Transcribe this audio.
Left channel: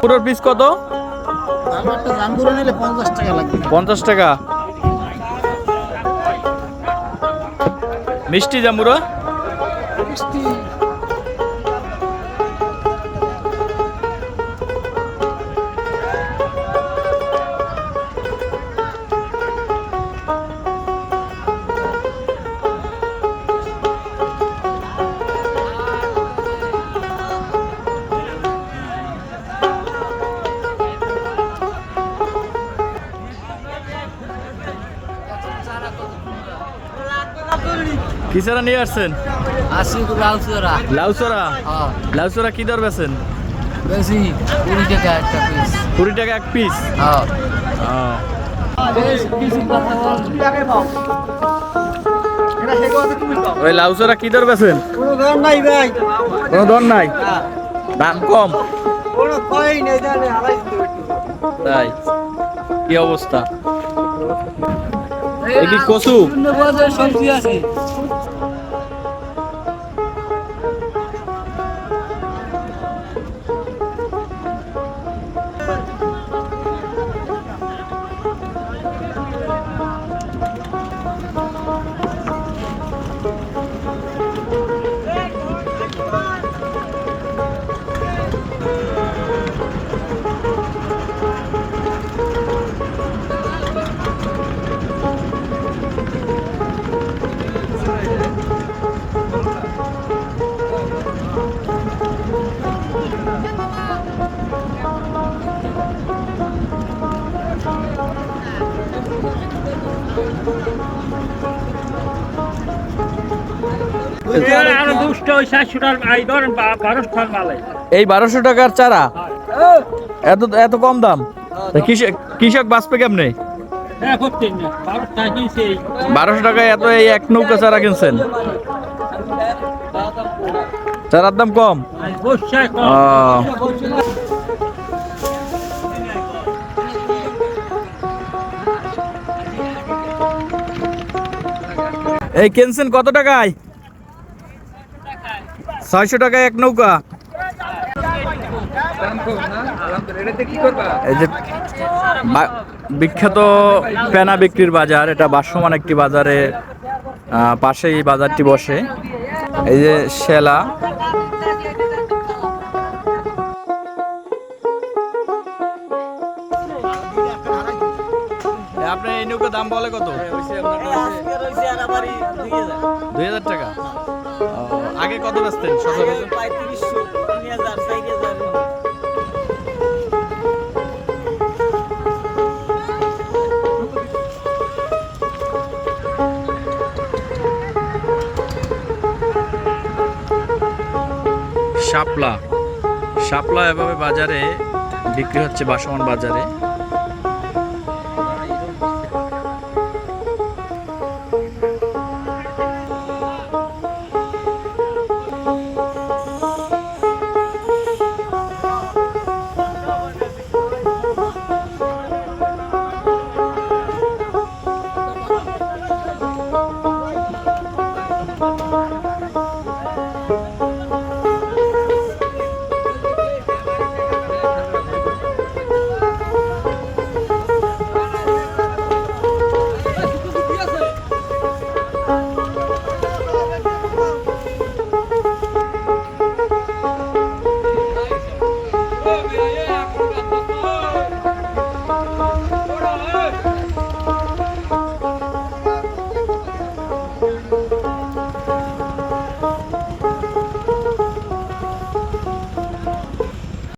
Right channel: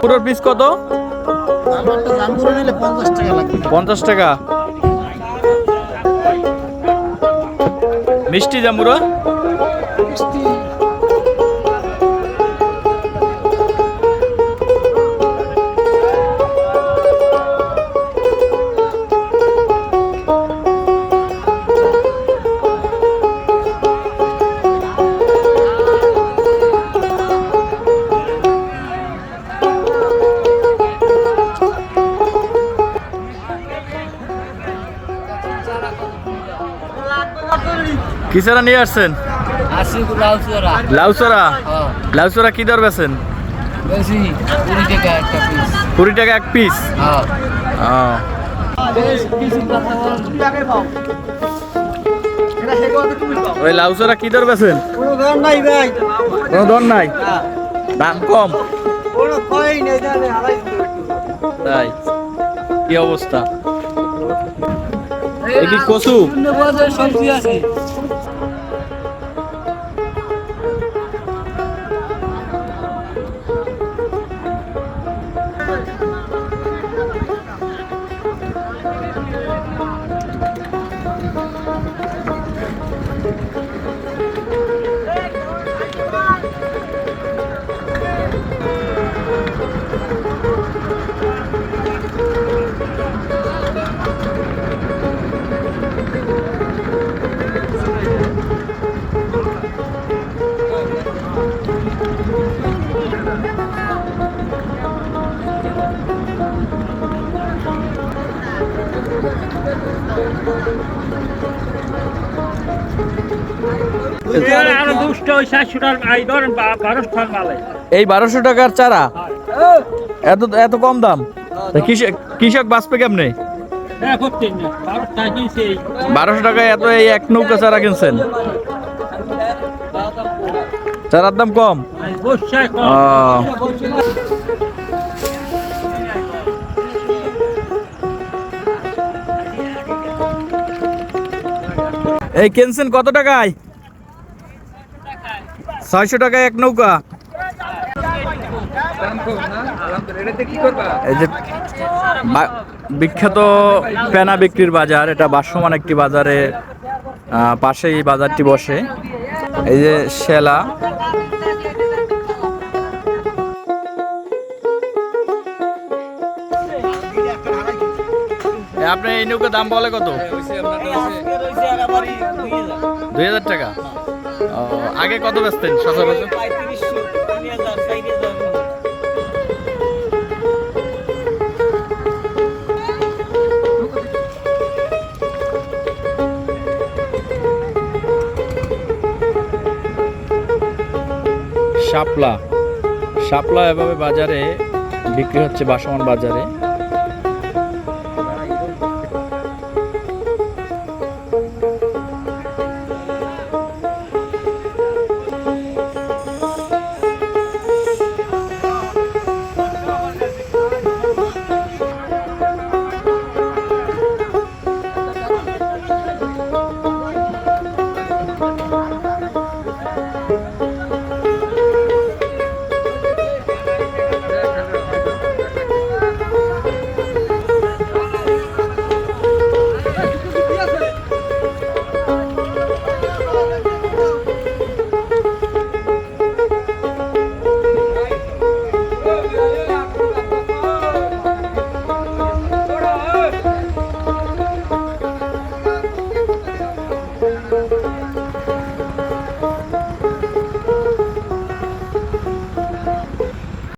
পুরোর piece কত? নিলে পঞ্চাশ টাকা। লাগবে পঞ্চাশ টাকা মিষ্টি জাম্বুরা মিষ্টি কিসারা নিয়ে আসছেন? আশি লাল চোরা লাউসরা হ্যাঁ। লাউসরা কি দর বেছেন কুড়ি টাকা এক পিস হ্যাঁ। ওই লাউসরা কি দর বেছেন কোনো নাই ভাই দর নাই? দাম কম? তাই। কি অবস্থা? কচু? সবজি আছে এই বারোশো টাকার চারা? এত এত কম দাম? কৃষক বাঁচবে কেমনে? বারোশো টাকায় এত এই এক নৌকা চারা কিনছেন? চারার দাম কম? এই কেনসেন কত টাকায়? ছয়শো টাকায় এক নৌকা। বিখ্যাত পেনা বিক্রির বাজার এটা বাসমান একটি বাজারে আহ, পাশে এই বাজারটি বসে। এই যে শেলা আপনি এই নৌকা দাম বলে কত? দুই হাজার টাকা। আগে কত বেচতেন সচরাচর? শাপলা। শাপলা এভাবে বাজারে বিক্রি হচ্ছে, বাসমান বাজারে।